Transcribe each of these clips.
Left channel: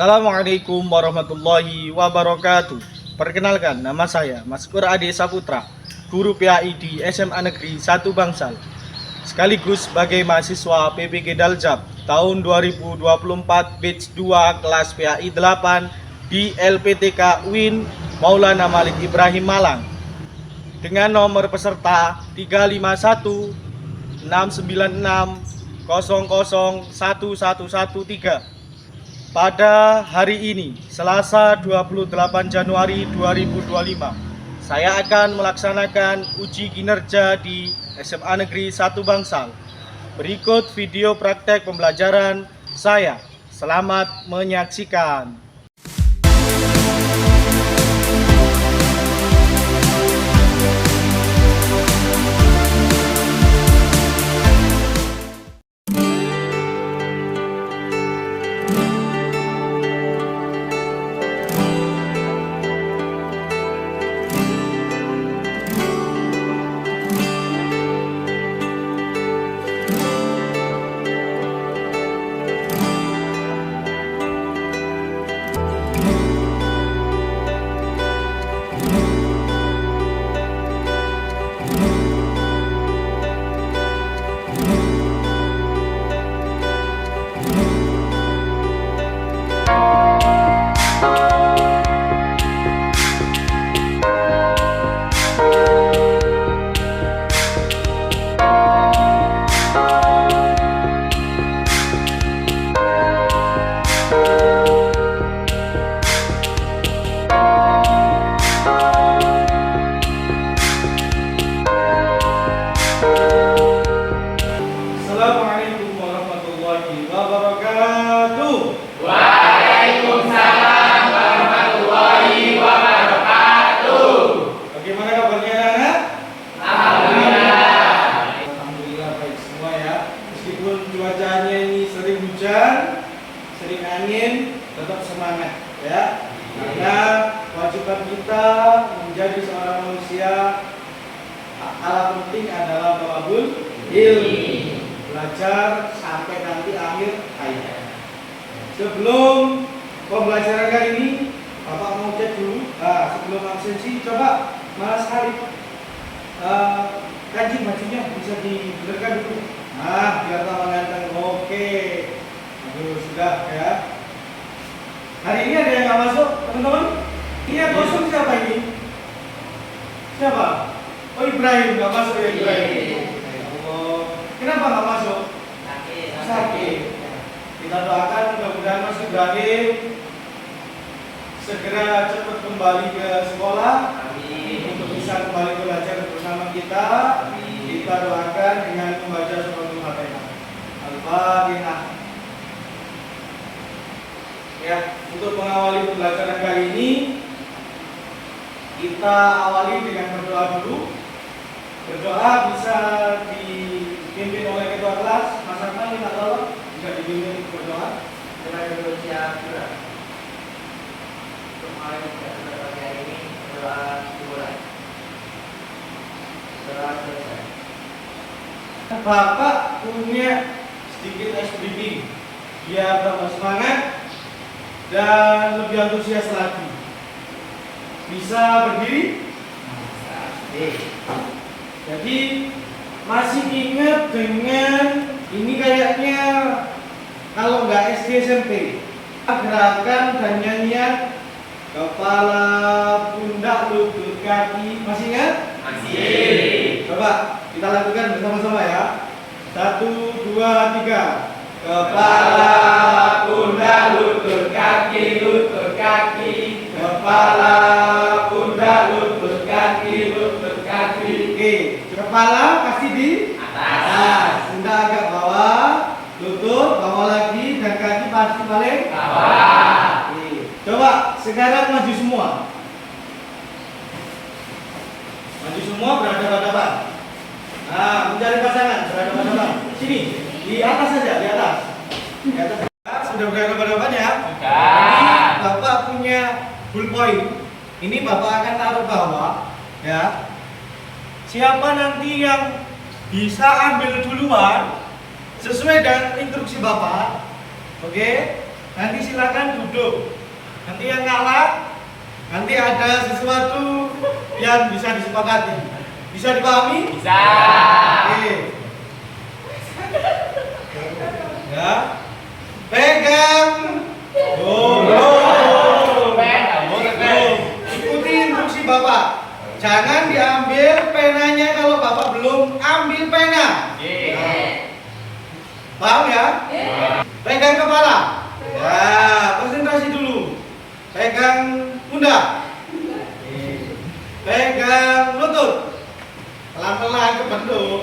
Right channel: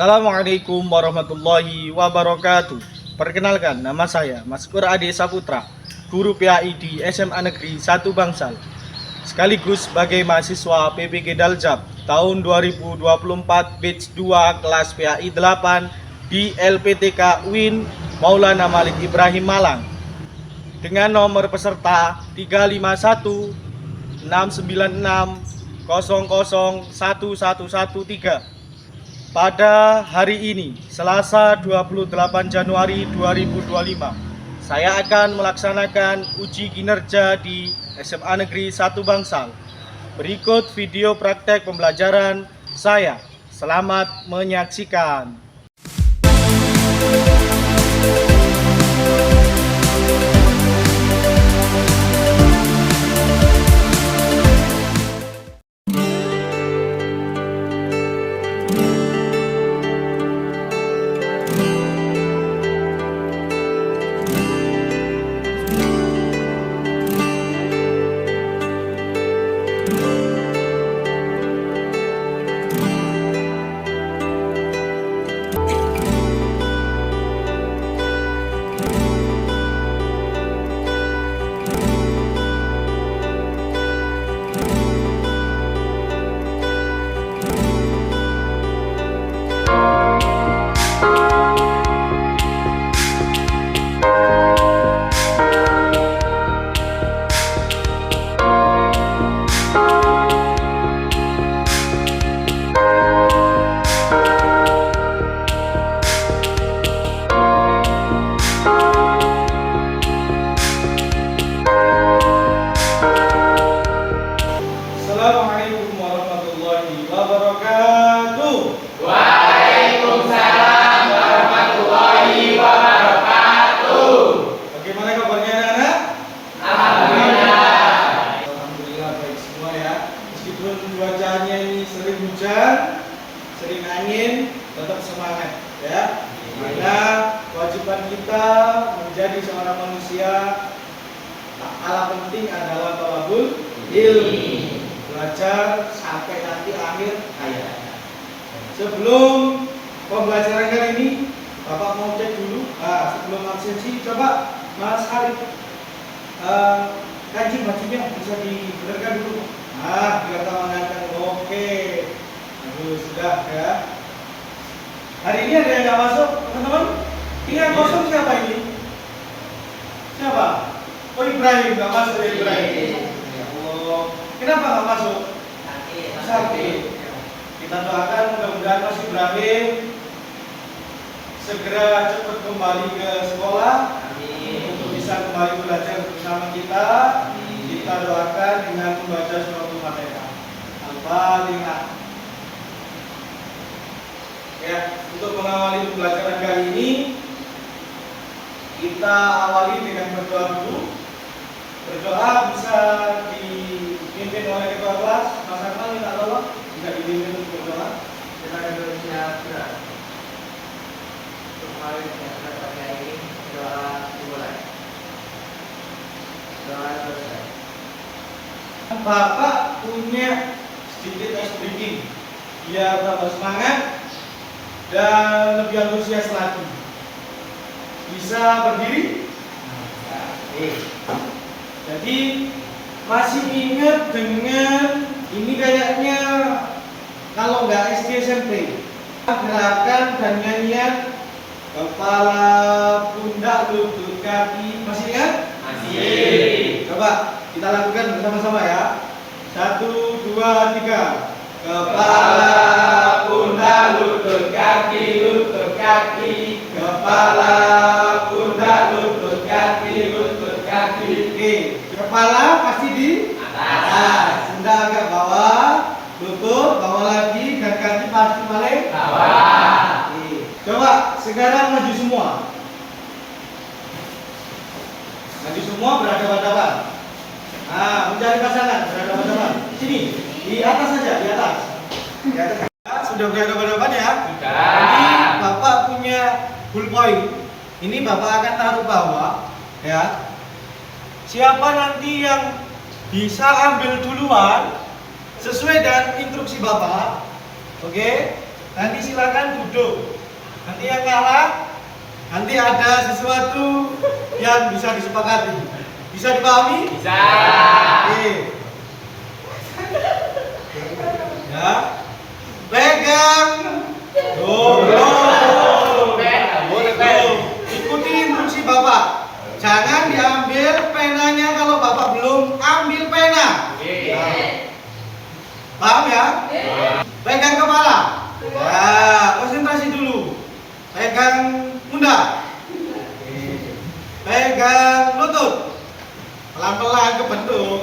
Assalamualaikum warahmatullahi wabarakatuh. Perkenalkan, nama saya Maskur Ade Saputra, guru PAI di SMA Negeri 1 Bangsal, sekaligus sebagai mahasiswa PPG Daljab tahun 2024 batch 2 kelas PAI 8 di LPTK UIN Maulana Malik Ibrahim Malang dengan nomor peserta 351 696 001113. Pada hari ini, Selasa 28 Januari 2025, saya akan melaksanakan uji kinerja di SMA Negeri 1 Bangsal. Berikut video praktek pembelajaran saya. Selamat menyaksikan. Assalamualaikum warahmatullahi wabarakatuh. Waalaikumsalam warahmatullahi wabarakatuh. Bagaimana kabarnya anak-anak? Alhamdulillah. Alhamdulillah baik semua ya. Meskipun cuacanya ini sering hujan, sering angin, tetap semangat ya. Karena kewajiban kita menjadi seorang manusia, alat penting adalah thalabul ilmi, belajar sampai nanti akhir hayat. Sebelum pembelajaran kali ini, Bapak mau cek dulu. Sebelum absensi, coba Mas Harif kancing bajunya bisa dibenarkan dulu. Biar tak mengatakan oke. Aduh, sudah ya. Hari ini ada yang nggak masuk, teman-teman? Ini yang kosong siapa ini? Siapa? Oh, Ibrahim nggak masuk ya, Ibrahim. Ya Allah. Kenapa nggak masuk? Sakit. Kita doakan mudah-mudahan Mas Ibrahim segera cepat kembali ke sekolah. Untuk bisa kembali belajar bersama kita. Kita doakan dengan membaca suratul Fatihah. Al-Fatihah. Ya, untuk mengawali pembelajaran kali ini, kita awali dengan berdoa dulu. Berdoa bisa dipimpin oleh ketua kelas, Mas Arman, minta tolong jika dipimpin untuk berdoa. Kita bersiap gerak. Untuk hari ini doa dimulai. Doa selesai. Bapak punya sedikit ice breaking biar tambah semangat dan lebih antusias lagi. Bisa berdiri? Jadi masih ingat dengan ini kayaknya kalau nggak SD SMP, gerakan dan nyanyian kepala, pundak, lutut, kaki, masih ingat? Masih. Coba kita lakukan bersama-sama ya. 1, 2, 3. Kepala, pundak, lutut, kaki, lutut, kaki. Kepala, pundak, lutut, kaki, lutut, kaki. Oke, kepala pasti di atas, pundak agak bawah, lutut bawah lagi, dan kaki pasti paling Bawah. Oke. Coba sekarang maju semua. Maju semua berhadapan-hadapan. Mencari pasangan berhadapan-hadapan. Sini, di atas saja, di atas. Di atas. Sudah berhadapan-hadapan ya? Sudah. Ini Bapak punya ballpoint. Ini Bapak akan taruh bawah, ya. Siapa nanti yang bisa ambil duluan sesuai dengan instruksi Bapak, oke? nanti silakan duduk. Nanti yang kalah, nanti ada sesuatu yang bisa disepakati. Bisa dipahami? Bisa. Oke. Ya. Pegang. Ikuti instruksi Bapak. Jangan diambil penanya kalau Bapak belum ambil pena. Paham ya? Pegang kepala. Ya, konsentrasi dulu. Pegang pundak. Pegang lutut. Pelan-pelan kebentuk.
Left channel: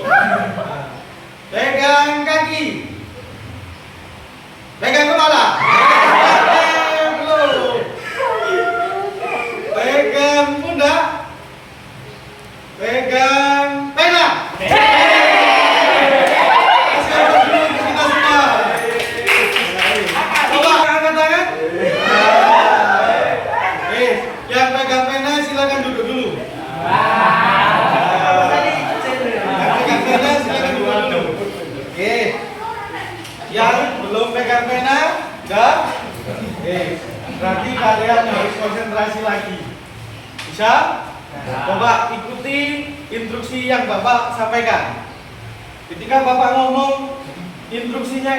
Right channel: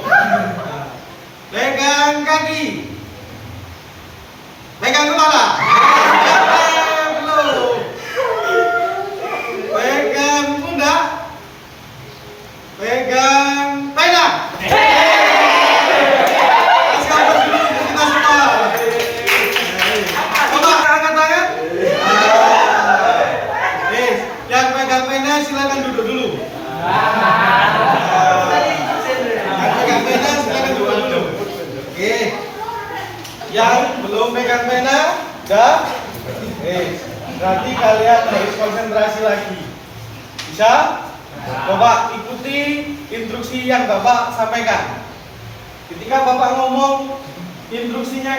Pegang kaki. Pegang kepala. Belum. Pegang pundak. Pegang pena. Kita semua. Coba angkat tangan. Yang pegang pena silakan duduk dulu. Yang pegang pena silakan duduk dulu. Oke. Yang belum pegang pena, enggak? Berarti kalian harus konsentrasi lagi. Bisa? Bapak ikuti instruksi yang Bapak sampaikan. Ketika Bapak ngomong, instruksinya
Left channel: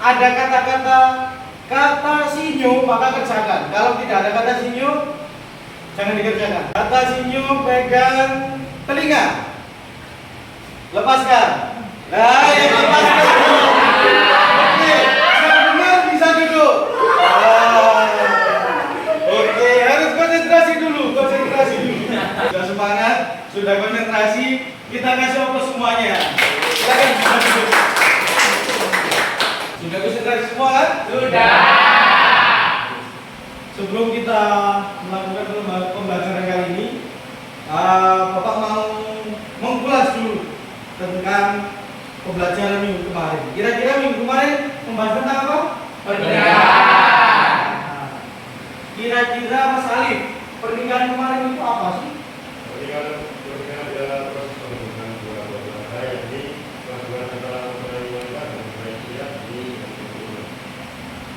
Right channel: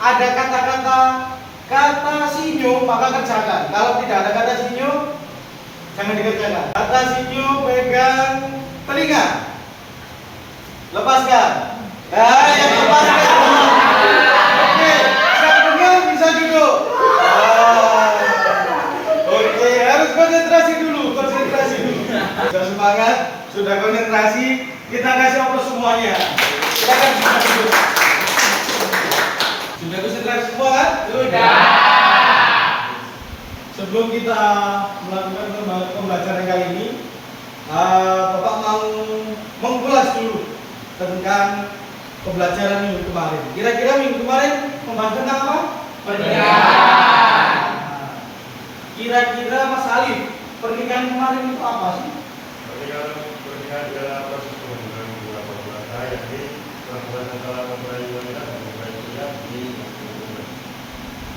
ada kata sinyo, maka kerjakan. Kalau tidak ada kata sinyo, jangan dikerjakan. Kata sinyo pegang telinga. Lepaskan. Nah, yang lepaskan. Oke, yang dengar bisa duduk. Oke, harus konsentrasi dulu. Sudah semangat, sudah konsentrasi, kita kasih aplaus semuanya. Silakan duduk. Sudah konsentrasi semua kan? Sudah. Sebelum kita melakukan pembelajaran kali ini, Bapak mau mengulas dulu tentang pembelajaran minggu kemarin. Kira-kira minggu kemarin membahas tentang apa? Pernikahan. Kira-kira Mas Alif, pernikahan kemarin itu apa sih? Pernikahan adalah proses penghubungan dua belah pihak, yakni hubungan antara mempelai wanita dan mempelai pria di hubungan.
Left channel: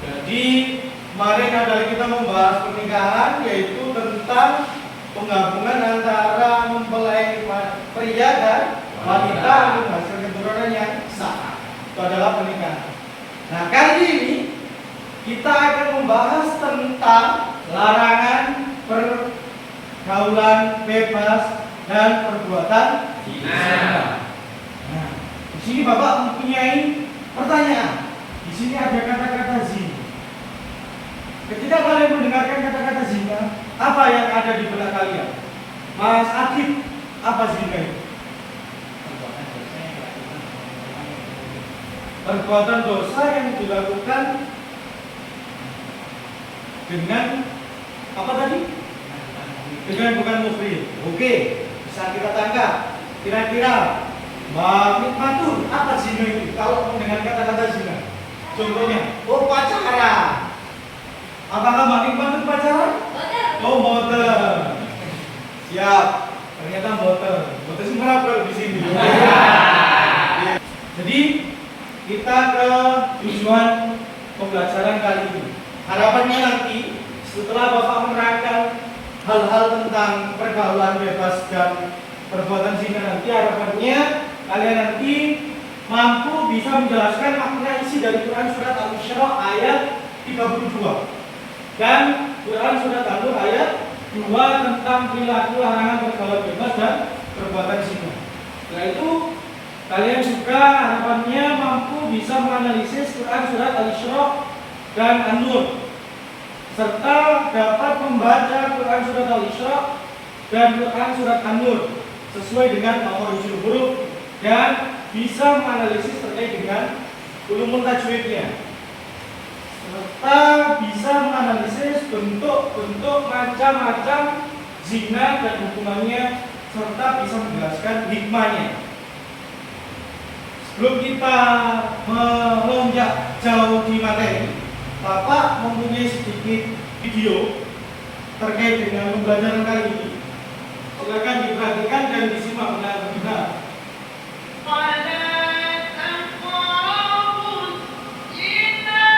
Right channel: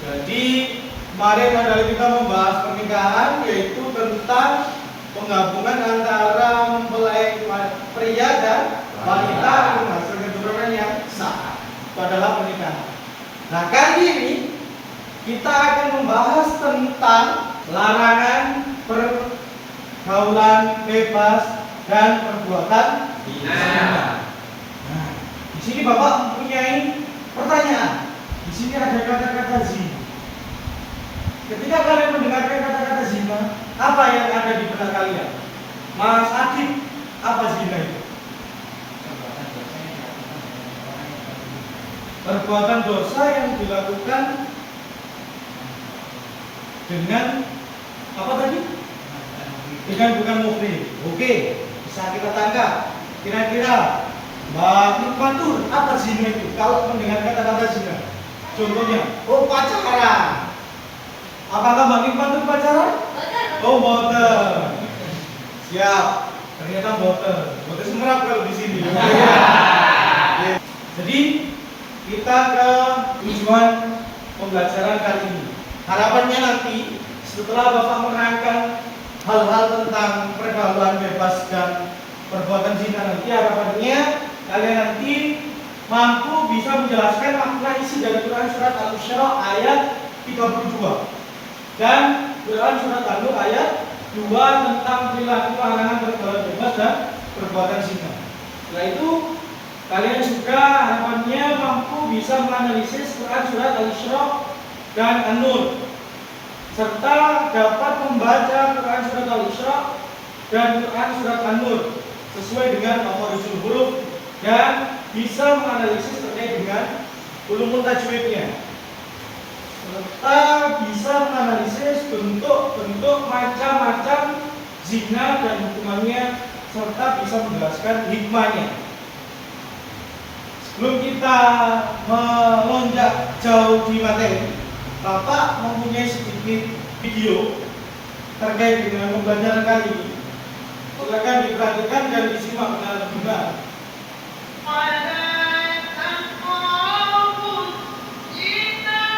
Jadi kemarin adalah kita membahas pernikahan, yaitu tentang penggabungan antara mempelai pria dan wanita yang hasil keturunan yang sah. Itu adalah pernikahan. Nah, kali ini kita akan membahas tentang larangan pergaulan bebas dan perbuatan zina. Nah, di sini Bapak mempunyai pertanyaan. Di sini ada kata-kata zina. Ketika kalian mendengarkan kata-kata zina, apa yang ada di benak kalian? Mas Adib, apa zina itu? Perbuatan dosa yang dilakukan dengan apa tadi? Dengan bukan muhrim. Oke, bisa kita tangkap. Kira-kira Mbak Fatur, apa zina itu? Kalau mendengar kata-kata zina, contohnya, oh pacaran. Apakah Mbak Fatur pacaran? Oh boten. Siap. Ternyata boten. Boten semua kalau di sini. Jadi kita ke tujuan pembelajaran kali ini. Harapannya nanti setelah Bapak menerangkan hal-hal tentang pergaulan bebas dan perbuatan zina, nanti harapannya kalian nanti mampu bisa menjelaskan makna isi dari Quran surat Al-Isra ayat 32 dan Quran surat An-Nur ayat 2 tentang perilaku larangan pergaulan bebas dan perbuatan zina. Setelah itu kalian juga harapannya mampu bisa menganalisis Quran surat Al-Isra dan An-Nur, serta dapat membaca Quran surat Al-Isra dan Quran surat An-Nur sesuai dengan makhrajul huruf dan bisa menganalisis terkait dengan ulumul tajwidnya, serta bisa menganalisis bentuk-bentuk macam-macam zina dan hukumannya, serta bisa menjelaskan hikmahnya. Sebelum kita melonjak jauh di materi, Bapak mempunyai sedikit video terkait dengan pembelajaran kali ini. Silakan diperhatikan dan disimak dengan benar. ولا تقربوا الزنا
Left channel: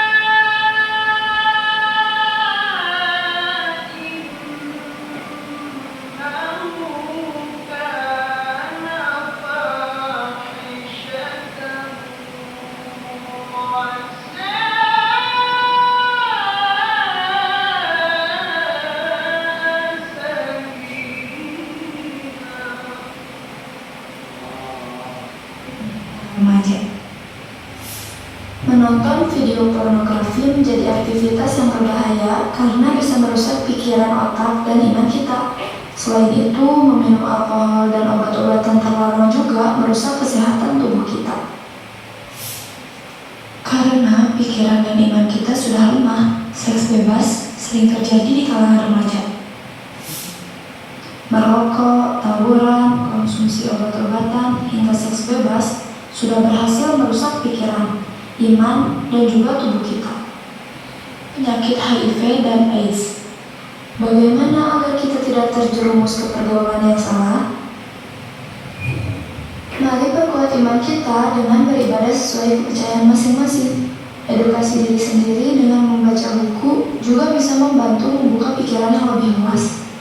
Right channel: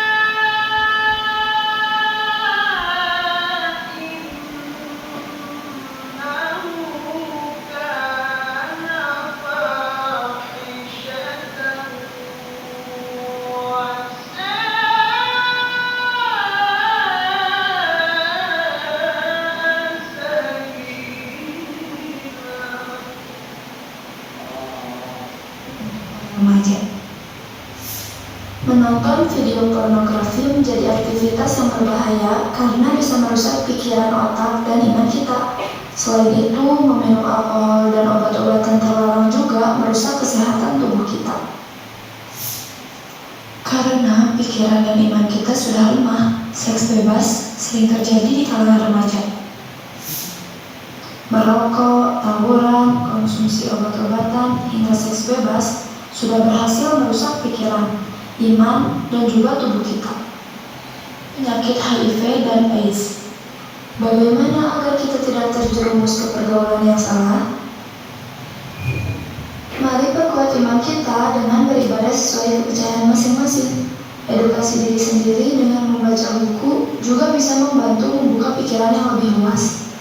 Menonton video pornografi menjadi aktivitas yang berbahaya karena bisa merusak pikiran, otak, dan iman kita. Selain itu, meminum alkohol dan obat-obatan terlarang juga merusak kesehatan tubuh kita. Karena pikiran dan iman kita sudah lemah, seks bebas sering terjadi di kalangan remaja. Merokok, tawuran, konsumsi obat-obatan, hingga seks bebas sudah berhasil merusak pikiran, iman, dan juga tubuh kita. Penyakit HIV dan AIDS. Bagaimana agar kita tidak terjerumus ke pergaulan yang salah? Mari perkuat iman kita dengan beribadah sesuai kepercayaan masing-masing. Edukasi diri sendiri dengan membaca buku juga bisa membantu membuka pikiran yang lebih luas.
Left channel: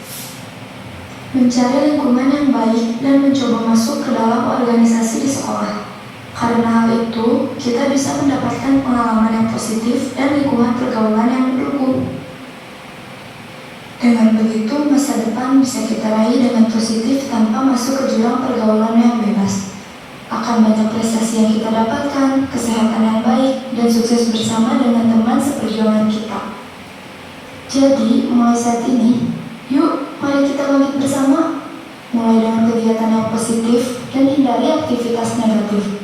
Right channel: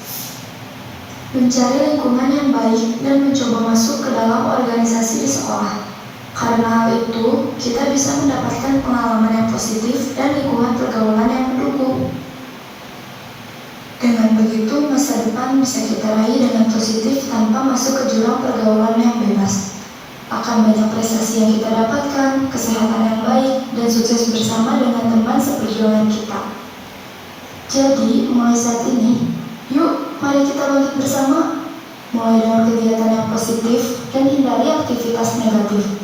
Mencari lingkungan yang baik dan mencoba masuk ke dalam organisasi di sekolah. Karena hal itu, kita bisa mendapatkan pengalaman yang positif dan lingkungan pergaulan yang mendukung. Dengan begitu, masa depan bisa kita raih dengan positif tanpa masuk ke jurang pergaulan yang bebas. Akan banyak prestasi yang kita dapatkan, kesehatan yang baik, dan sukses bersama dengan teman seperjuangan kita. Jadi, mulai saat ini, yuk mari kita bangkit bersama. Mulai dengan kegiatan yang positif dan hindari aktivitas negatif.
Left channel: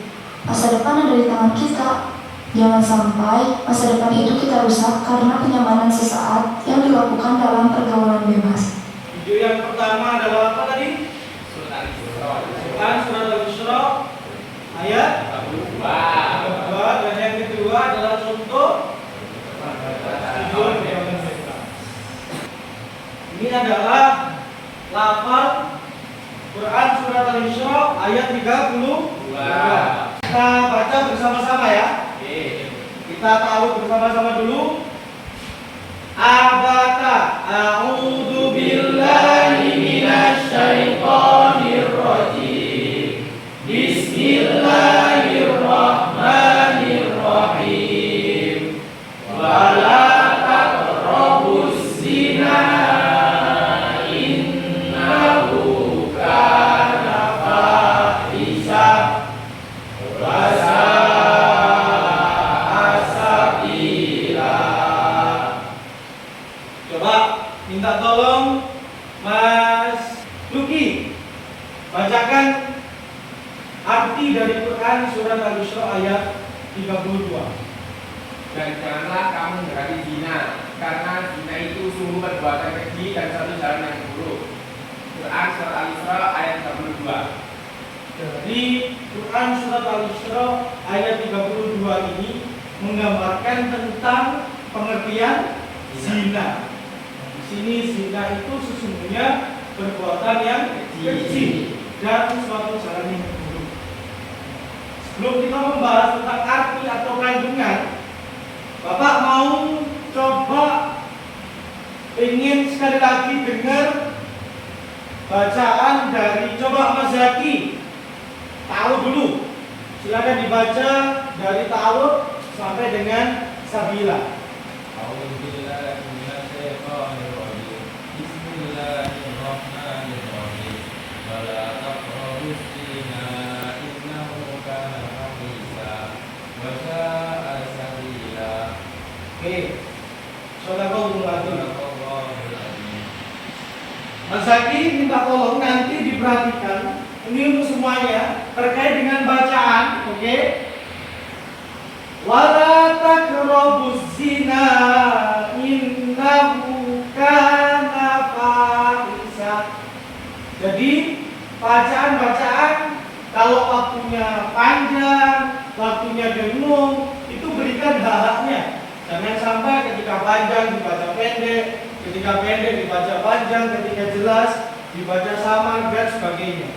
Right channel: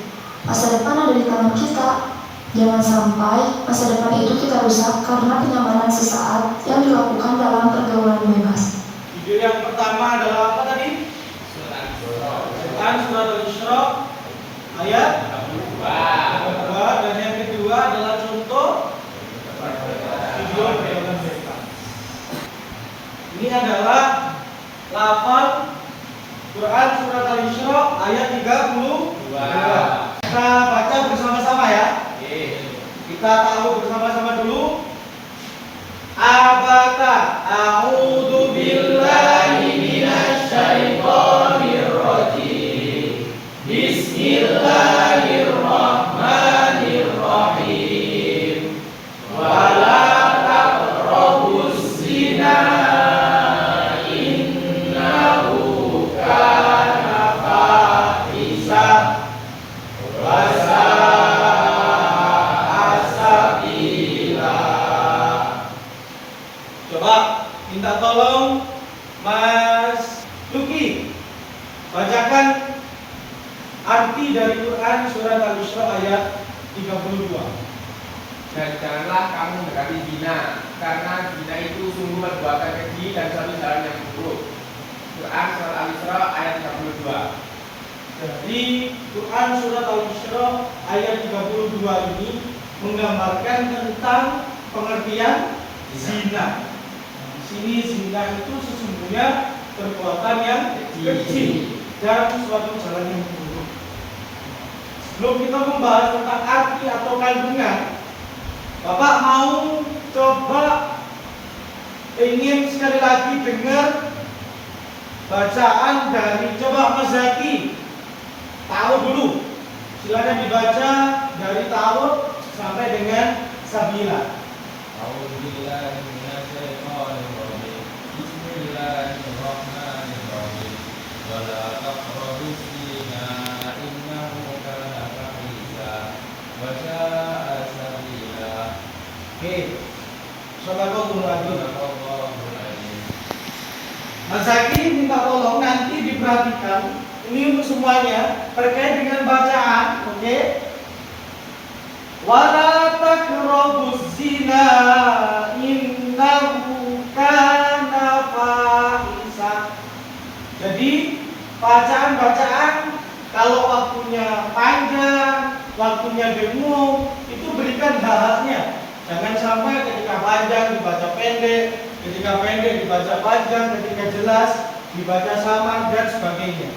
Masa depan ada di tangan kita. Jangan sampai masa depan itu kita rusak karena kenyamanan sesaat yang dilakukan dalam pergaulan bebas. Video yang pertama adalah apa tadi? Surat Al-Isra ayat 22, dan yang kedua adalah contoh tujuan pergaulan bebas. Ini adalah lafal Quran surat Al-Isra ayat 32. Kita baca bersama-sama ya. Kita tahu bersama-sama dulu. Abata a'udzu billahi minasy syaithanir rajim. Bismillahirrahmanirrahim. Wala taqrabuz zina innahu kana fahisha wa minta tolong Mas Luki bacakan arti dari Quran surat Al-Isra ayat 32. Dan janganlah kamu mendekati zina, karena zina itu sungguh perbuatan keji dan satu jalan yang buruk. Quran surat Al-Isra ayat 32. Jadi Quran surat Al-Isra ayat 32 ini menggambarkan tentang pengertian zina. Di sini zina itu sesungguhnya perbuatan yang keji dan suatu jalan yang buruk. Sebelum kita membahas tentang arti atau kandungan, Bapak mau coba ingin sekali lagi dengar bacaan dari coba Mas Zaki. Tahu dulu. Silakan dibaca dari Ta'awud sampai dengan Sabila. Bismillahirrahmanirrahim. Wala taqrabuz zina innahu kana fahisha wa sya'a sabila. Oke. Shallallahul alaihi. Mas Zaki minta tolong nanti diperhatikan. Ini untuk semuanya terkait dengan bacaan, oke? Wala taqrabuz zina innahu kana fahisha. Jadi bacaan-bacaan kalau waktunya panjang, waktunya dengung, itu berikan hak-haknya. Jangan sampai ketika panjang dibaca pendek, ketika pendek dibaca panjang, ketika jelas dibaca samar dan sebagainya.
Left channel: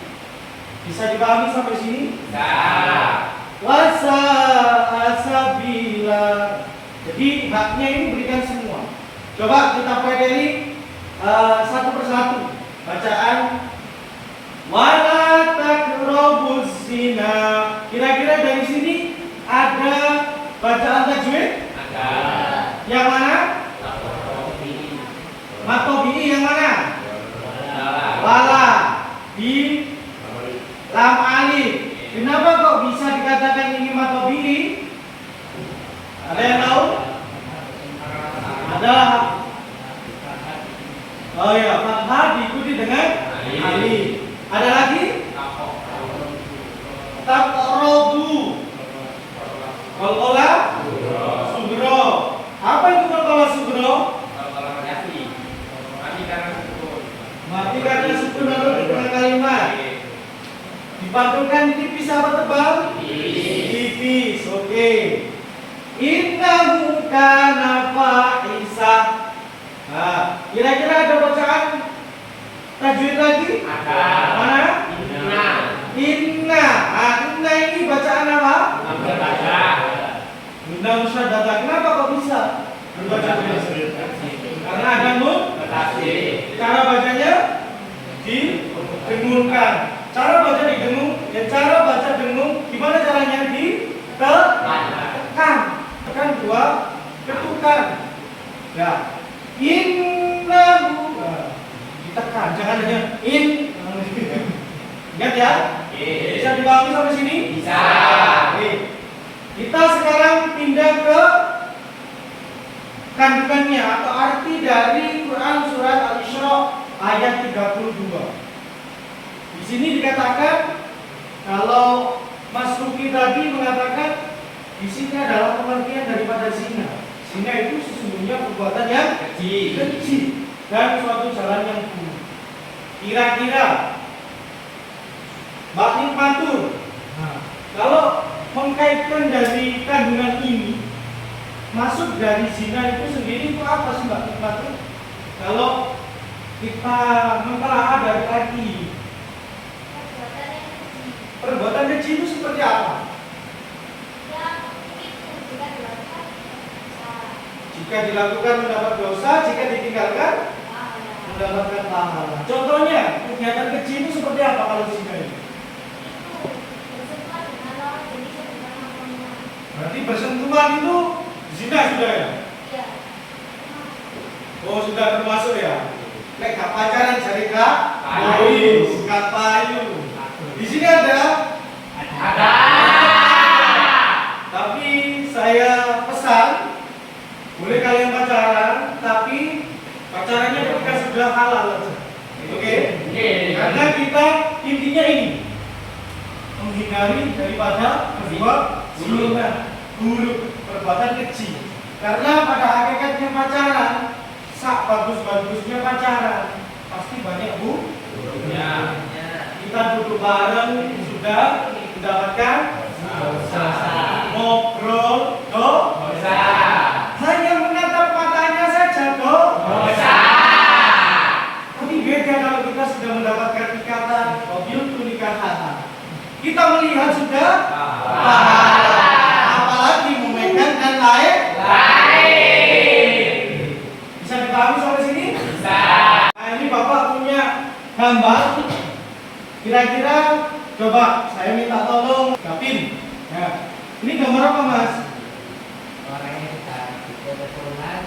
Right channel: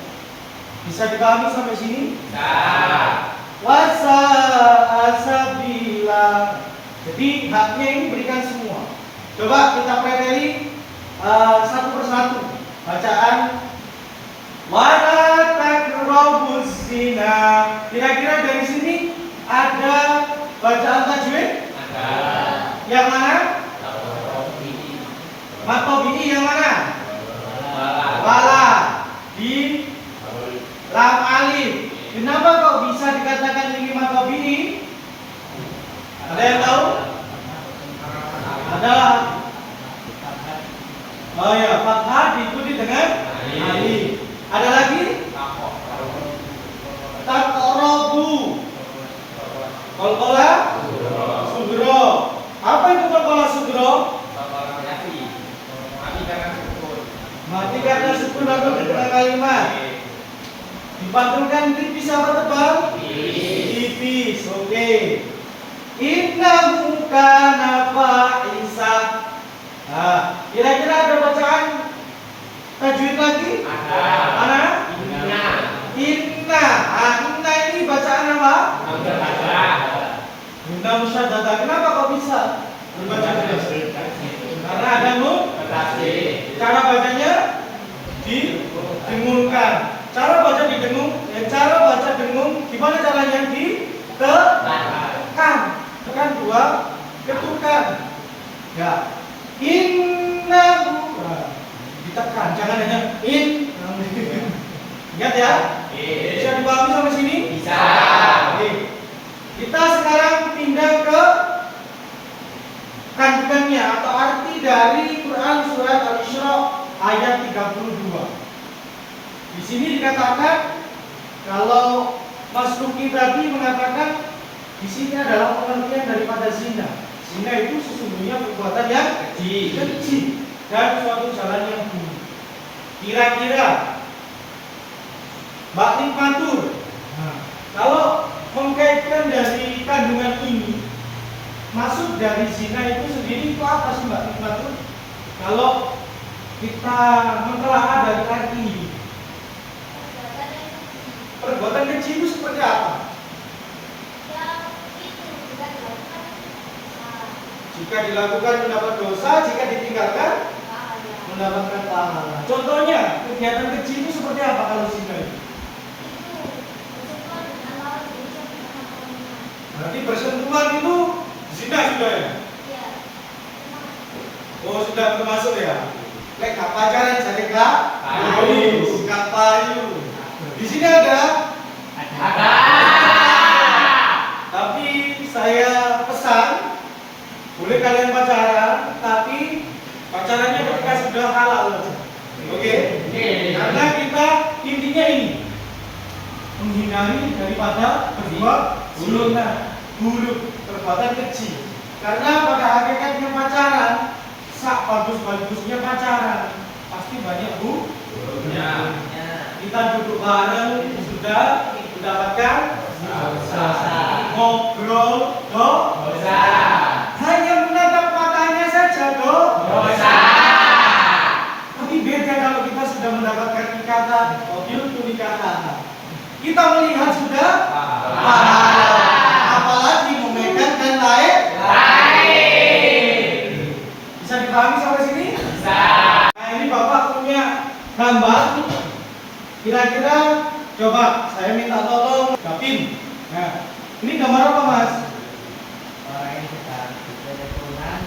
Bisa dipahami sampai sini? Nah. Wasa asabila. Jadi haknya ini berikan semua. Coba kita pelajari satu persatu. Bacaan wala taqrabuz zina. Kira-kira dari sini ada bacaan tajwid? Ada. Yang mana? Matobi'i yang mana? Wala. Di lam alif. Kenapa kok bisa dikatakan ini matobi'i? Ada yang tahu? Ada. Oh ya, fathah diikuti dengan alif. Ada lagi? Taqrabu. Qalqala sugro. Apa itu qalqala sugro? Mati karena sukun atau di tengah kalimat. Dipantulkan tipis apa tebal? Tipis. Oke. Innahu kana fa'isa. Nah, kira-kira ada bacaan tajwid lagi? Ada. Mana? Inna. Inna. Inna ini bacaan apa? Inna musyaddadah. Kenapa kok bisa berbaca demikian? Karena ada nun. Cara bacanya didengungkan. Cara baca didengung, cara baca dengung. Gimana caranya? Ditekan. Tekan dua, ketukan. Ya. Innahu. Ditekan, jangan hanya in. Ingat ya? Bisa dipahami sampai sini? Bisa. Oke. Kita sekarang pindah ke kandungannya atau arti dari Quran surat Al-Isra ayat 32. Di sini dikatakan kalau Mas Ruki tadi mengatakan di sini adalah pengertian daripada zina. Zina itu sesungguhnya perbuatan yang keji dan suatu jalan yang buruk. Kira-kira Mbak Nikmatur, kalau mengkaitkan dari kandungan ini, masuk dari zina itu sendiri itu apa sih Mbak Nikmatur? Kalau kita mentelaah dari arti ini, perbuatan keji itu seperti apa? Jika dilakukan mendapat dosa, jika ditinggalkan mendapatkan pahala. Contohnya, kegiatan keji itu seperti apa kalau zina itu? Berarti bersentuhan itu zina sudah ya? Oh sudah termasuk ya? Lek gak pacaran cari kak? Payu. Kak payu. Di sini ada? Ada. Tapi saya pesan, boleh kalian pacaran, tapi pacarannya ketika sudah halal. Oke? Karena kita intinya ini menghindari daripada berbuat buruk, perbuatan keji. Karena pada hakikatnya pacaran, sak bagus-bagusnya pacaran, pasti banyak buruknya. Kita duduk bareng sudah mendapatkan dosa. Ngobrol dosa. Hanya menatap matanya saja dosa. Tapi beda kalau kita sudah mendapatkan ikatan, objek nikatan. Kita melihat sudah pahala. Apalagi memegang dan lain. Bisa dipahami sampai sini? Bisa. Nah ini Bapak punya gambar. Kira-kira coba saya minta tolong Gavin. Ya. Ini gambar apa Mas? Orang yang sedang teleponan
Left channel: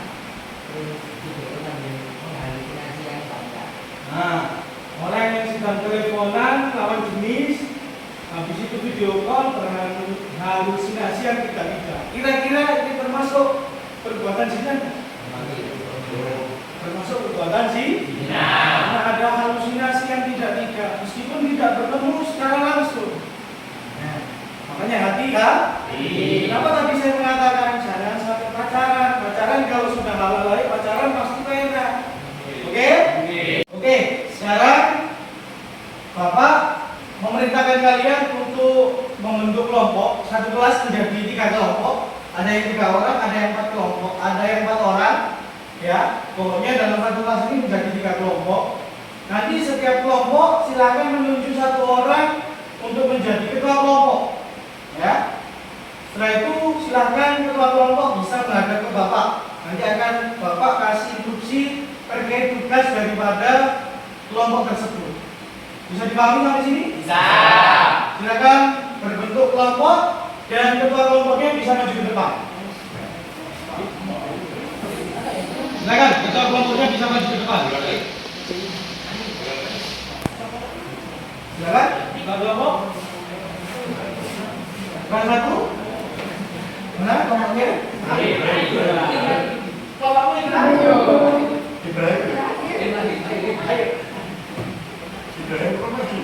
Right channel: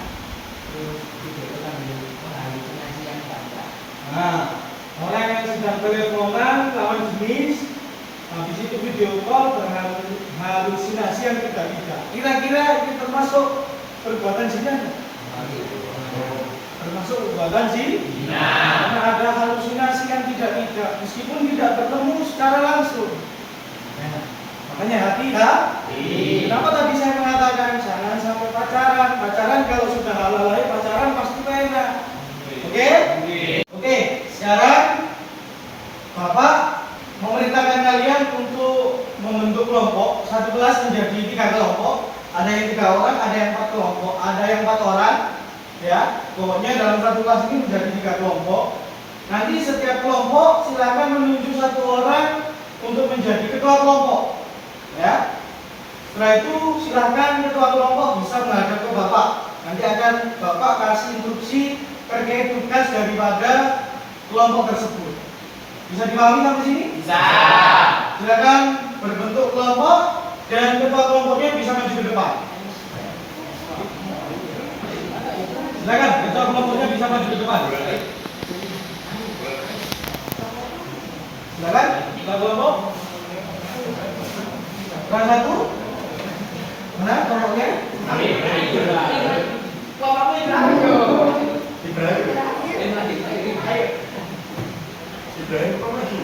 terus video sambil menghalusinasi yang banyak. Nah, orang yang sedang teleponan lawan jenis, habis itu video call dengan halusinasi yang tidak. Kira-kira ini termasuk perbuatan zina? Termasuk perbuatan zina. Karena ada halusinasi yang tidak, meskipun tidak bertemu secara langsung. Ya. Makanya hati-hati. Kenapa tadi saya mengatakan jangan sampai pacaran? Pacaran kalau sudah halal lagi pacaran pasti enak. Oke. Sekarang Bapak memerintahkan kalian untuk membentuk kelompok. Satu kelas menjadi 3 kelompok. Ada yang 3 orang, ada yang 4 kelompok, ada yang 4 orang. Ya, pokoknya dalam satu kelas ini menjadi 3 kelompok. Nanti setiap kelompok silakan menunjuk 1 orang untuk menjadi ketua kelompok. Ya. Setelah itu silakan ketua kelompok bisa menghadap ke Bapak. Nanti akan Bapak kasih instruksi terkait tugas daripada kelompok tersebut. Bisa dipahami sampai sini? Bisa. Silakan berbentuk kelompok dan ketua kelompoknya bisa maju ke depan. Silakan ketua kelompoknya bisa maju ke depan. Silakan ketua kelompok. Kelas 1. Mana kelompoknya? Ibrahim kok maju?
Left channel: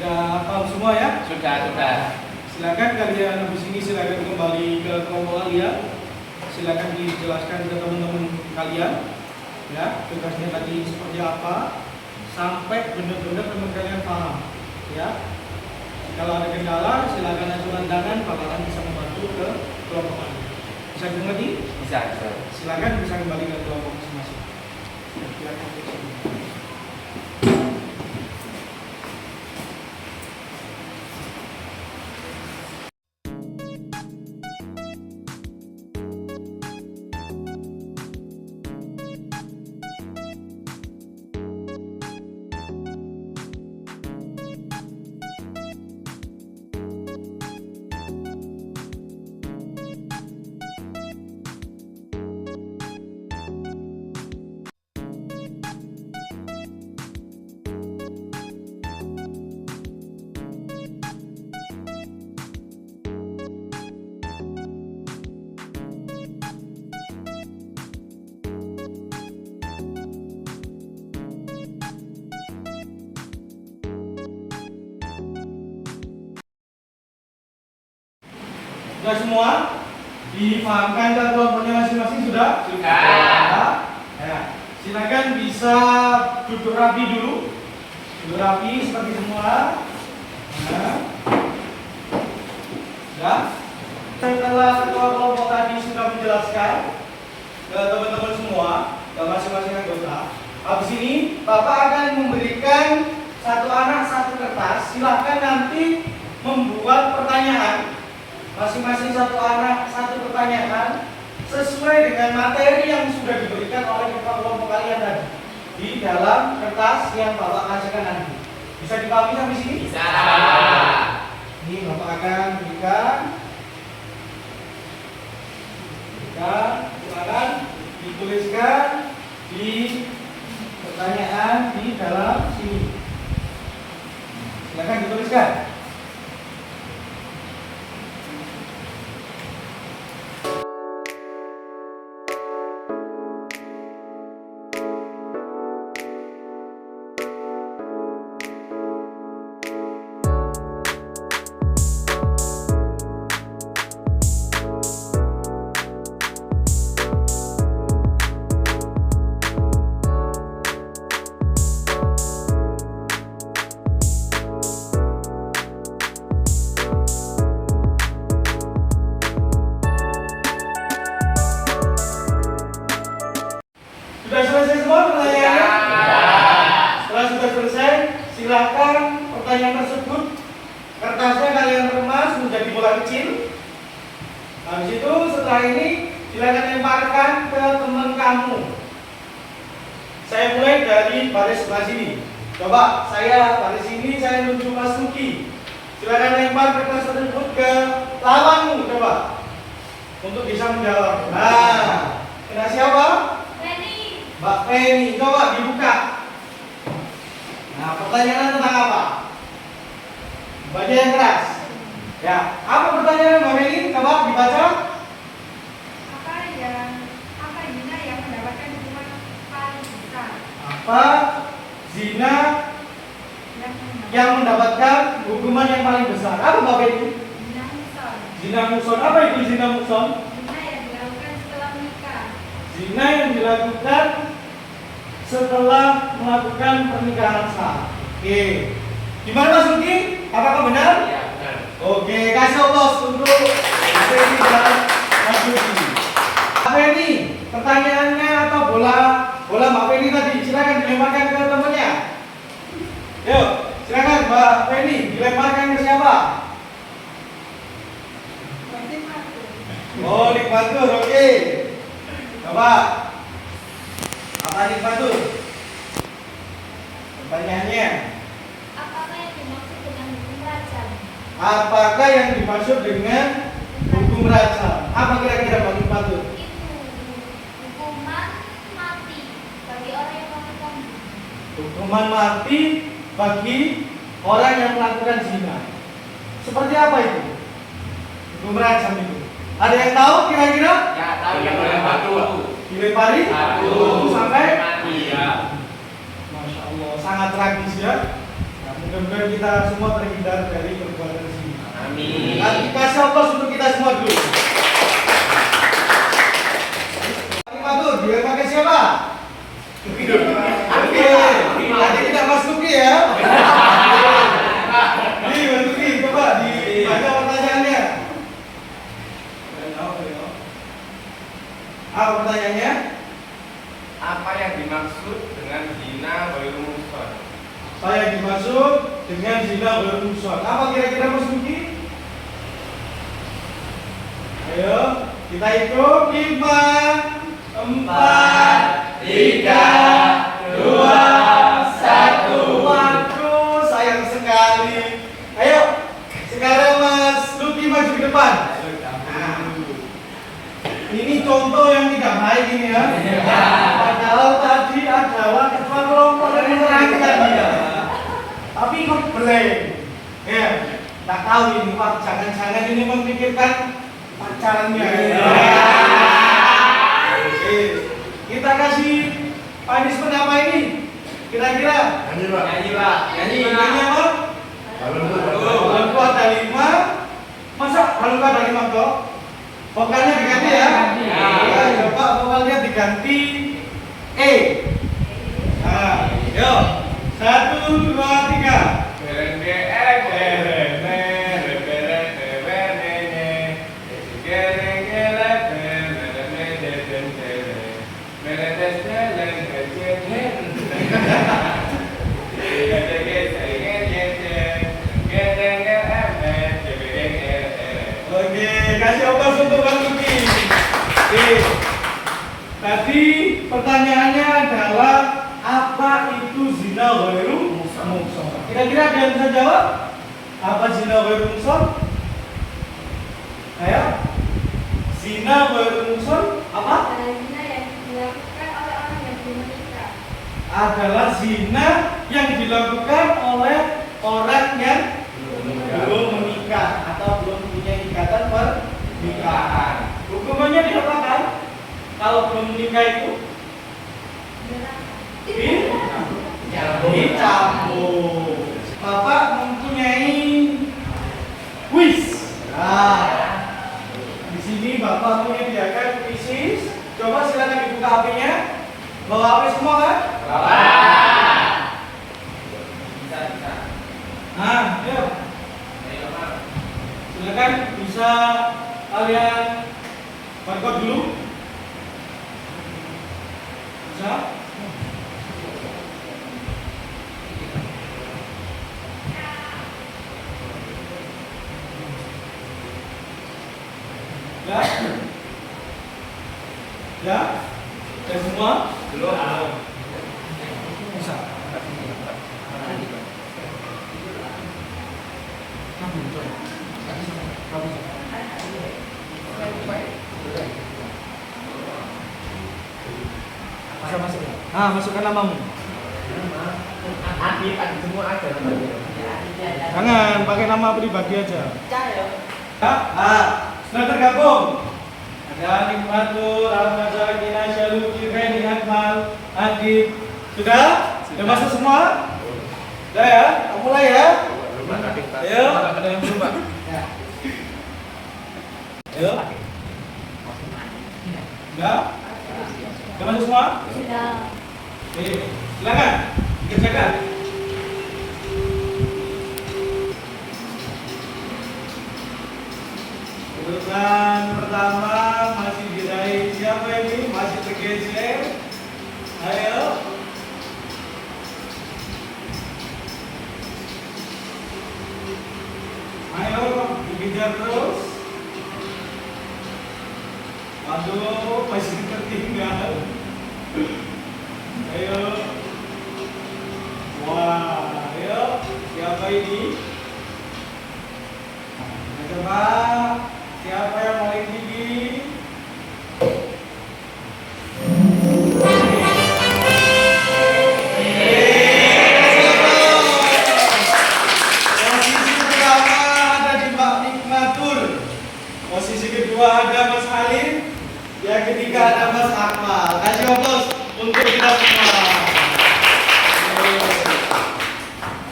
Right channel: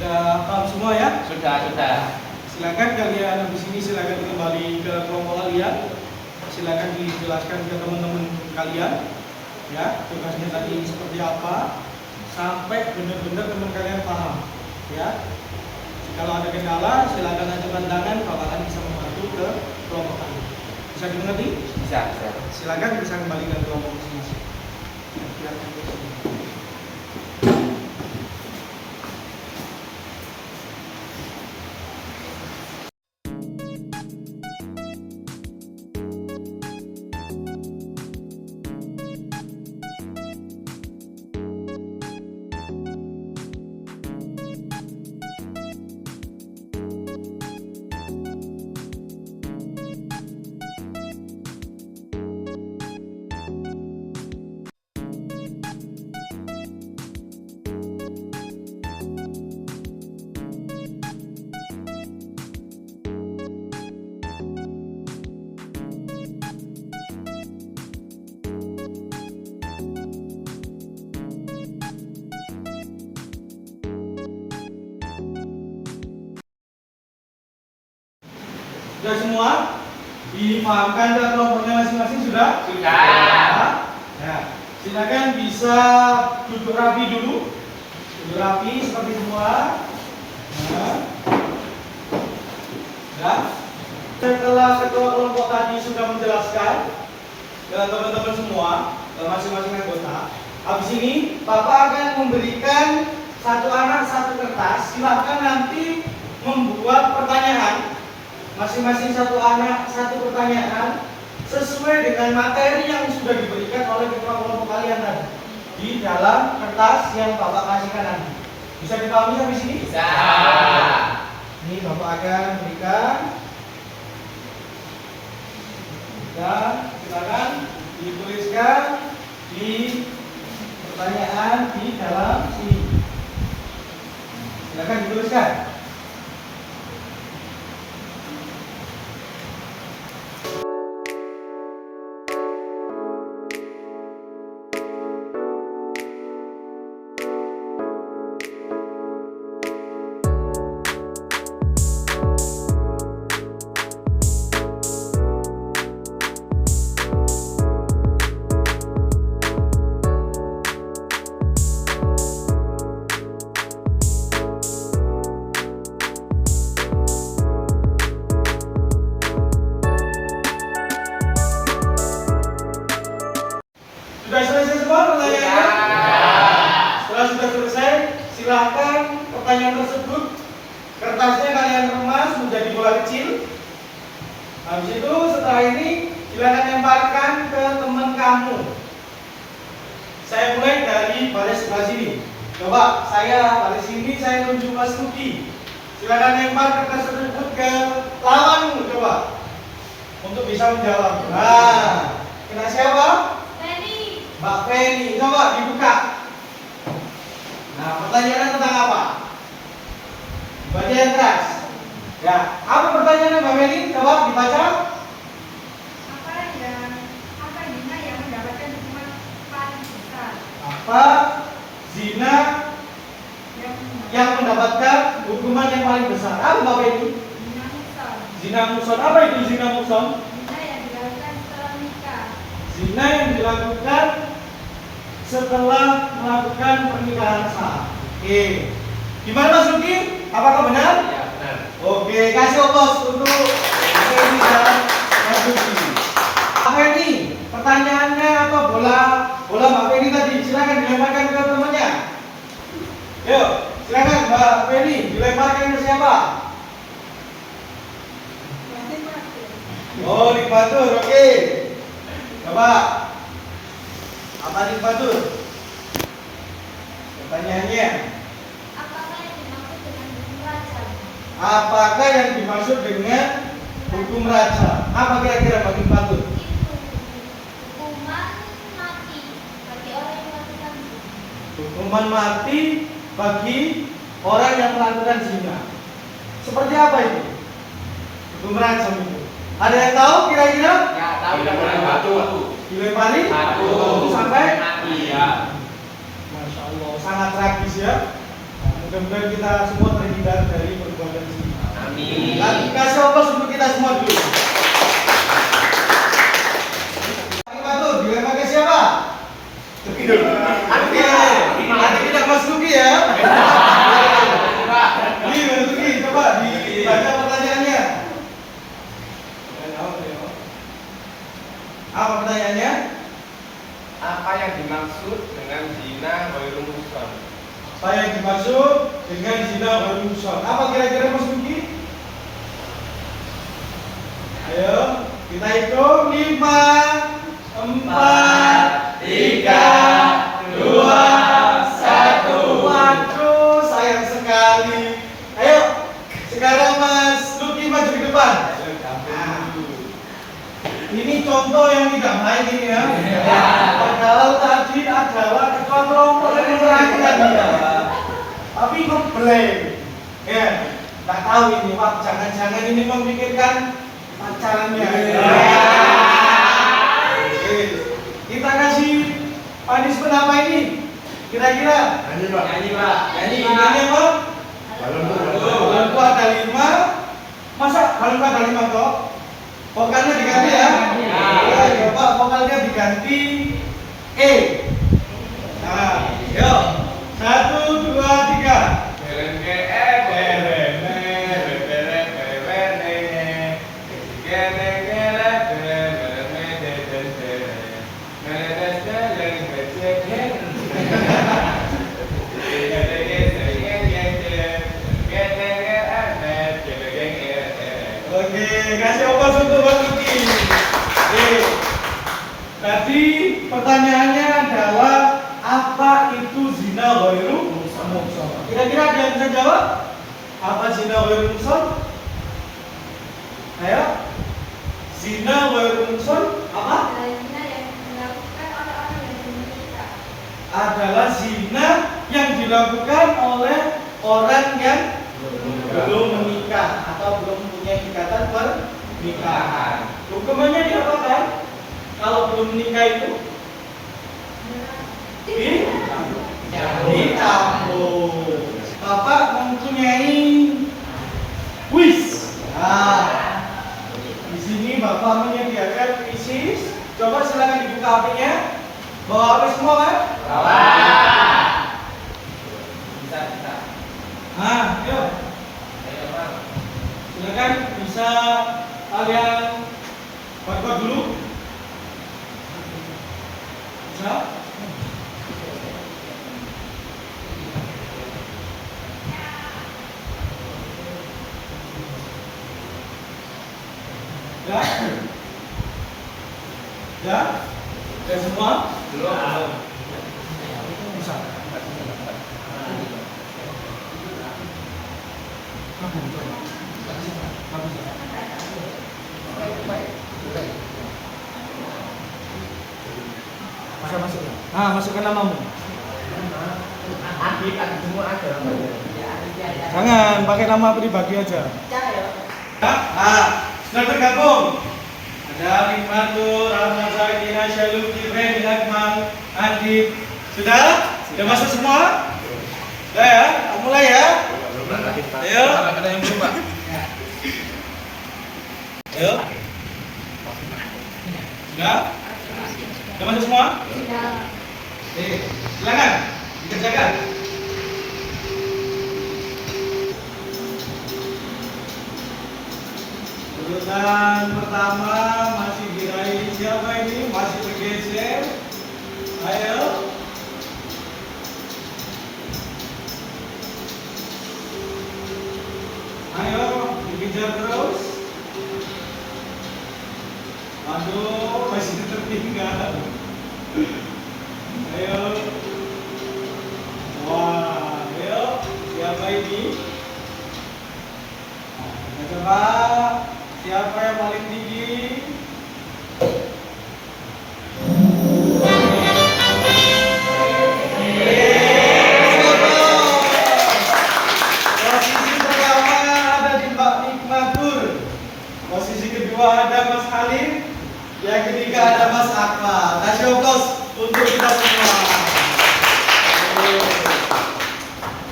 Sudah paham semua ya? Sudah. Silakan kalian habis ini silakan kembali ke kelompok kalian. Silakan dijelaskan ke teman-teman kalian. Ya, tugasnya tadi seperti apa sampai benar-benar teman kalian paham. Ya. Kalau ada kendala silakan ajukan tangan, Pak akan bisa membantu ke kelompok kalian. Bisa dimengerti? Bisa. Silakan bisa kembali ke kelompok masing-masing. Ya, silakan. Sudah semua? Dipahamkan ke kelompoknya masing-masing sudah? Sudah. Ya. Silakan bisa duduk rapi dulu. Duduk rapi seperti semula. Nah. Ya. Setelah ketua kelompok tadi sudah menjelaskan ke teman-teman semua, ke masing-masing anggota, habis ini Bapak akan memberikan satu anak satu kertas. Silakan nanti membuat pertanyaan. Masing-masing satu anak satu pertanyaan sesuai dengan materi yang sudah diberikan oleh ketua kelompok kalian tadi di dalam kertas yang Bapak kasihkan nanti. Bisa dipahami sampai sini? Bisa. Ini Bapak akan berikan. Silakan dituliskan di pertanyaan di dalam sini. Silakan dituliskan. Sudah selesai semua pertanyaannya? Setelah sudah selesai, silakan pertanyaan tersebut kertasnya kalian remas menjadi bola kecil. Habis itu setelah ini silakan lemparkan ke teman kamu. Saya mulai dari baris sebelah sini. Coba saya baris sini, saya tunjuk Mas Luki. Silakan lempar kertas tersebut ke lawanmu, coba untuk bisa menjawab. Nah, kena siapa? Mbak Penny, coba dibuka. Nah, pertanyaan tentang apa? Baca yang keras. Ya, apa pertanyaannya Mbak Penny? Coba dibaca. Apa zina yang mendapatkan hukuman paling besar? Apa zina yang mendapatkan hukuman yang paling besar? Apa Mbak Penny? Zina muson. Zina muson. Apa itu zina muson? Zina yang dilakukan setelah menikah. Zina yang dilakukan setelah melakukan pernikahan sah. Oke. Gimana Mas Luki? Apakah benar? Ya, benar. Oke, kasih oplos untuk Feni dan Mas Luki. Mbak Feni, pertanyaannya atau bola Mbak Feni tadi silakan dilemparkan ke temannya. Yuk, silakan Mbak Feni dilemparkan ke siapa? Oh, Nikmatur, oke. Coba. Apa Nikmatur? Pertanyaannya, Apakah yang dimaksud dengan hukum rajam? apakah yang dimaksud dengan hukum rajam? Apa kira-kira Pak Nikmatur? Itu hukuman mati bagi orang yang melakukan Hukuman mati bagi orang yang melakukan zina. Seperti apa itu? Hukum rajam itu. Ada yang tahu kira-kira? Ya, tahu yang batu. Dilempari? Batu. Sampai? Iya. Masya Allah, sangat tragis ya. Nah, mudah-mudahan kita semua terhindar dari perbuatan zina. Amin. Nanti kasih oplos untuk kita semua dulu. Nikmatur, dilempar ke siapa? Oke, nanti kita Mas Luki ya. Nih, Mas Luki, coba dibaca pertanyaannya. Apa pertanyaannya? Apa yang dimaksud dengan zina ghairu muhsan? Apa yang dimaksud dengan zina ghairu muhsan? Apa kira-kira Mas Luki? Ayo, kita hitung 5, 4, 3, 2, 1. Waduh, sayang sekali. Ayo, sekarang Mas Luki maju ke depan. Ini contoh yang tidak baik ini ya. Padahal tadi adalah ketua kelompok yang menerangkan dia. Tapi ngeblank. Ya, tak tahu ini. Wah, jangan-jangan ini memikirkan pacarannya. Oke. Kita kasih punishment apa ini? Kira-kira? Nyanyi Pak. Nyanyi apa? Balonku ada 5. Masa balonku ada 5 toh? Vokalnya diganti ya? Ya, coba vokalnya diganti E. Nah, yuk. 1, 2, 3. Oke, kasih oplos untuk Bang Luki. Oke. Tadi pertanyaannya adalah apa itu zina ghairu muhsan? Kira-kira ada yang bisa jawab? Apa zina ghairu muhsan? Ayo. Zina ghairu muhsan apa? zina yang dilakukan oleh orang yang belum menikah. Adalah zina yang dilakukan oleh orang yang belum menikah atau belum punya ikatan pernikahan. Hukumannya diapakan? Kalau belum menikah itu dicambuk. Bapak mempunyai kuis. Nah, di sini Bapak menyediakan kuis. Coba silakan dibuka HP-nya. Bawa HP semua kan? Bisa. Nah, yuk. Silakan bisa kalian barcode dulu. Bisa? Ya? Ya? Ya semua? Belum. Bisa. Masuk. Nah, masukkan namamu. Adi semua ada. Jangan pakai nama pribadi aja. Sudah tergabung. Ada Nikmatur, Al-Masakin, Syaluki, Ren, Akmal, Adib. Sudah? Sudah masuk semua? Sudah ya? Mulai ya? Ayo. Ada yang belum, Pak? Ayo. Sudah? Sudah masuk semua? Sudah. Silakan dikerjakan. Urutan pertama masih diraih siapa ini? Masih bergeser. Ayo. Ayo, dikejar terus. Aduh, masih tertinggal. Ayo. Wah, ayo. Siapa ini? Kita coba. Siapa yang paling tinggi? Posisi pertama ada di Mbak Nikmatur. Posisi kedua ada Mas Halim. Yang ketiga ada Mas Akmal. Kasih aplaus untuk kita semua.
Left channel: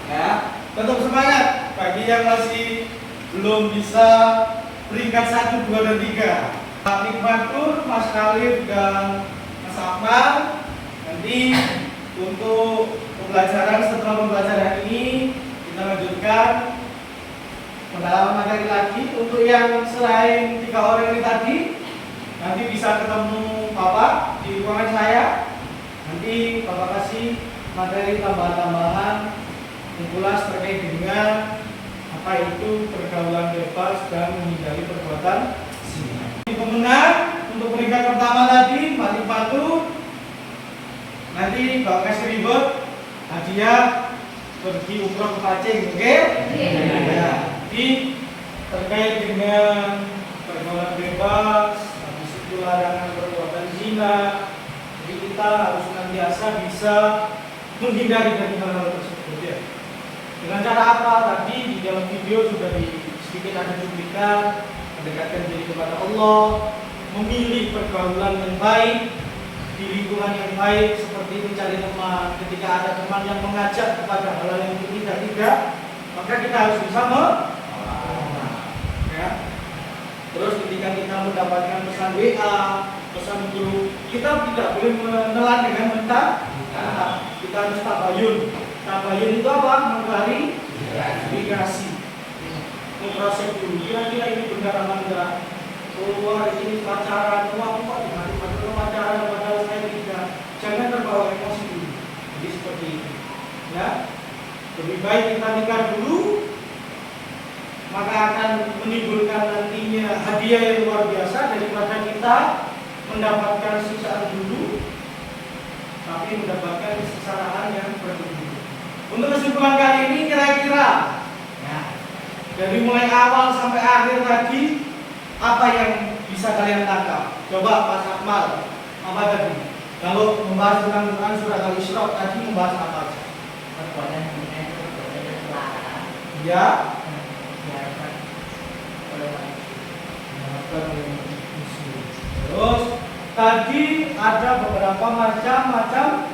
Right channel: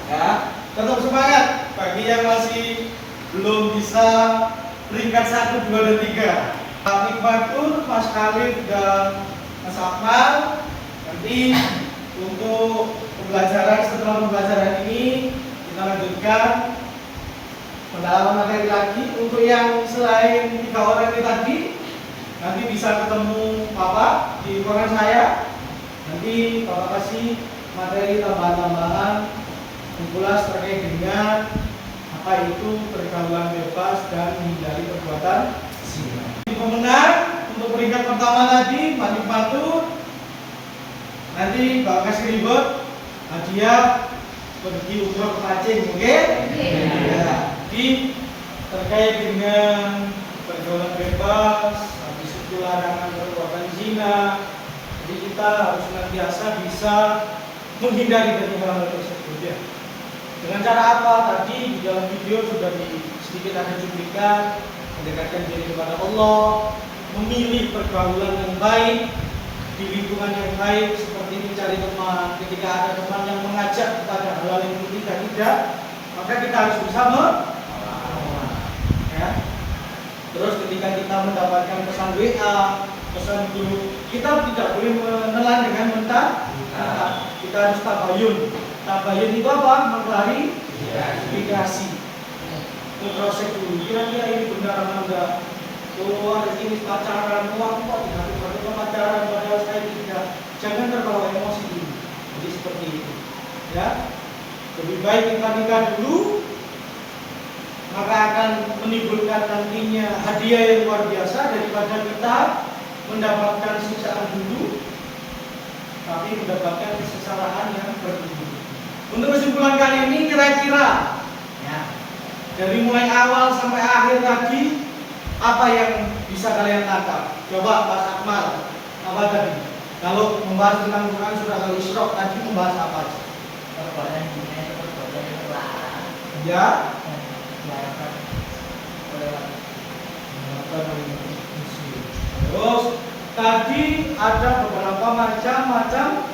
Ya, tetap semangat bagi yang masih belum bisa peringkat 1, 2, dan 3. Pak Nikmatur, Mas Khalif, dan Mas Akmal. Nanti untuk pembelajaran setelah pembelajaran ini kita lanjutkan pendalaman materi lagi. Untuk yang selain 3 orang ini tadi, nanti bisa ketemu Bapak di ruangan saya. Nanti Bapak kasih materi tambahan-tambahan kumpulas terkait dengan apa itu pergaulan bebas dan menghindari perbuatan zina. Pemenang untuk peringkat pertama tadi Mbak Nikmatur. Nanti Bapak kasih ribet hadiah pergi umroh ke Pacing, oke? Ya, di terkait dengan pergaulan bebas, habis itu larangan perbuatan zina. Jadi kita harus senantiasa bisa menghindari dari hal-hal tersebut ya. Dengan cara apa? Tadi di dalam video sudah sedikit ada cuplikan, mendekatkan diri kepada Allah, memilih pergaulan yang baik di lingkungan yang baik, seperti mencari teman. Ketika ada teman yang mengajak kepada hal-hal yang tidak, maka kita harus bisa ya. Terus ketika kita mendapatkan pesan WA, pesan grup, kita tidak boleh menelan dengan mentah. Kita harus tabayun. Tabayun itu apa? Mengklarifikasi. Memproses dulu. Kira-kira ini benar apa enggak? Keluar ini pacaran, uang kok dihadir pacaran padahal saya tidak. Jangan terbawa emosi dulu. Jadi seperti itu. Ya. Lebih baik kita nikah dulu, maka akan menimbulkan nantinya hadiah yang luar biasa daripada kita mendapatkan siksaan dulu, tapi mendapatkan kesalahan yang bertubi. Untuk kesimpulan kali ini kira-kira ya, dari mulai awal sampai akhir tadi apa yang bisa kalian tangkap? Coba Mas Akmal, apa tadi? Kalau membahas tentang Quran surah Al-Isra tadi membahas apa? Perbuatan zina itu perbuatan yang terlarang Ya, dan diharapkan oleh terus tadi ada beberapa macam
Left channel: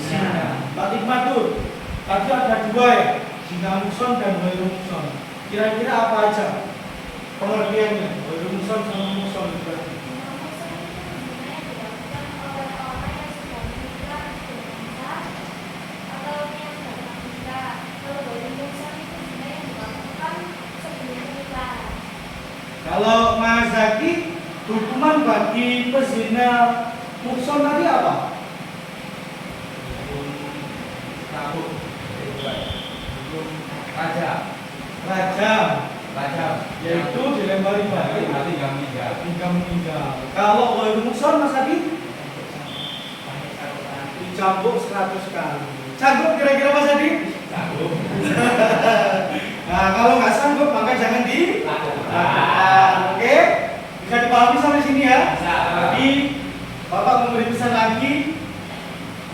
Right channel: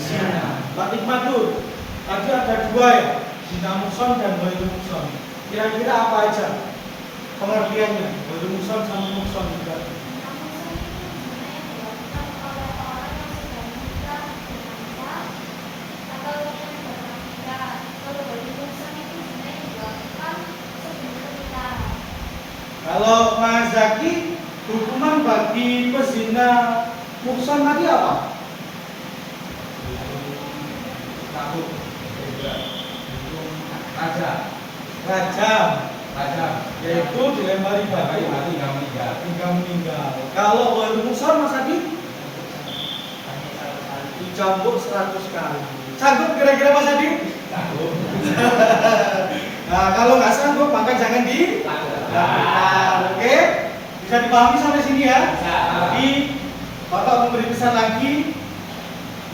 zina. Mbak Nikmatur, tadi ada 2 ya, zina muhsan dan ghairu muhsan. Kira-kira apa aja pengertiannya? Ghairu muhsan sama muhsan juga. Kalau Mas Zaki, hukuman bagi pezina muhsan tadi apa? Kabur. Rajam. Rajam, yaitu dilempari batu hingga meninggal. Kalau ghairu muhsan Mas Zaki, dicambuk 100 kali. Sanggup kira-kira Mas Zaki? Kabur. Nah, kalau nggak sanggup maka jangan dilakukan. Oke? Bisa dipahami sampai sini ya? Jadi Bapak memberi pesan lagi.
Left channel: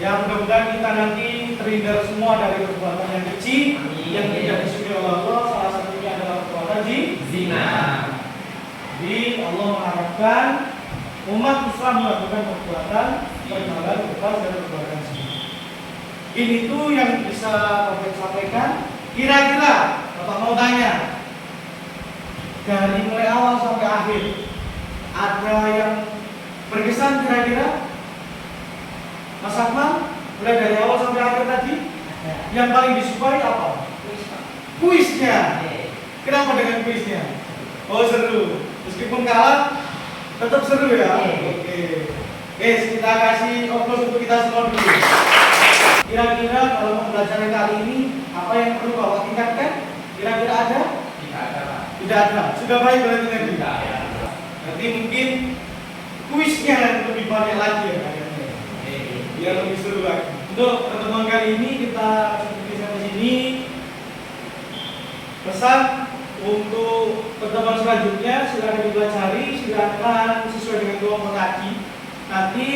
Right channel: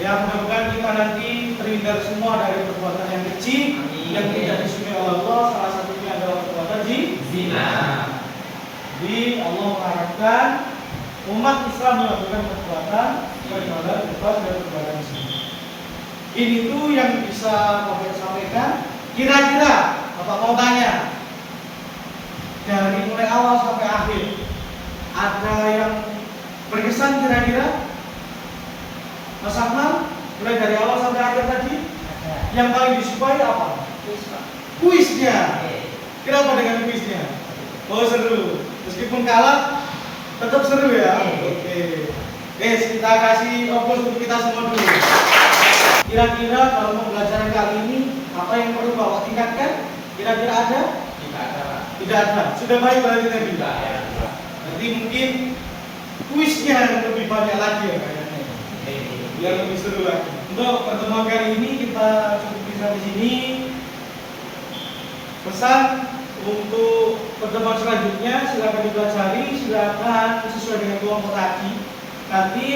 Ya, mudah-mudahan kita nanti terhindar semua dari perbuatan yang kecil yang tidak disukai oleh Allah. Salah satunya adalah perbuatan zina. Jadi Allah mengharapkan umat Islam melakukan perbuatan bebas dari perbuatan zina. Ini tuh yang bisa Bapak sampaikan. Kira-kira Bapak mau tanya, dari mulai awal sampai akhir ada yang berkesan kira-kira? Mas Akmal, mulai dari awal sampai akhir tadi yang paling disukai apa? Kuisnya. Kenapa dengan kuisnya? Oh, seru. Meskipun kalah, tetap seru ya. Oke. Guys, kita kasih oplos untuk kita semua dulu. Kira-kira kalau mau belajar kali ini, apa yang perlu Bapak tingkatkan? Kira-kira ada? Tidak ada, Pak. Tidak ada. Sudah baik kalau kita Tidak tidak. ada. Nanti mungkin kuisnya yang lebih banyak lagi ya kayaknya. Biar lebih seru lagi. Untuk pertemuan kali ini kita cukup sampai sini. Pesan untuk pertemuan selanjutnya silakan dipelajari, silakan sesuai dengan kelompok tadi. Nanti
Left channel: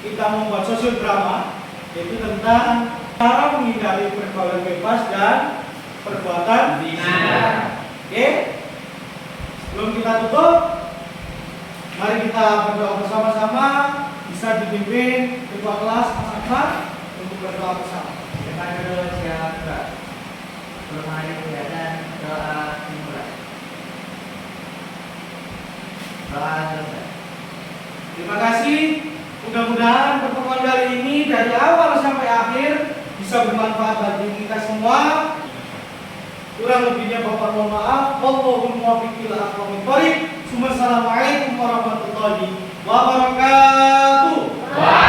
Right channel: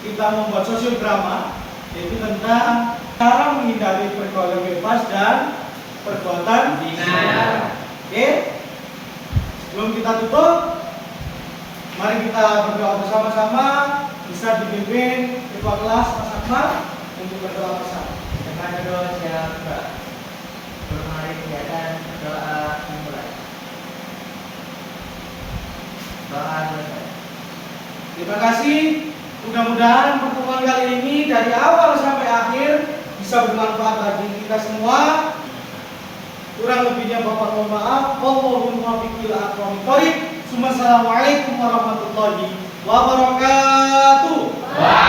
kita membuat sosial drama, yaitu tentang cara menghindari pergaulan bebas dan perbuatan Zina. Oke. Sebelum kita tutup, mari kita berdoa bersama-sama. Bisa dipimpin ketua kelas Mas Akbar untuk berdoa bersama. Kepada doa siapa? Bermari kegiatan doa dimulai. Doa selesai. Terima kasih. Mudah-mudahan pertemuan kali ini dari awal sampai akhir bisa bermanfaat bagi kita semua. Kurang lebihnya Bapak mohon maaf. Wallahul muwaffiq ila aqwamit thoriq. Assalamualaikum warahmatullahi wabarakatuh.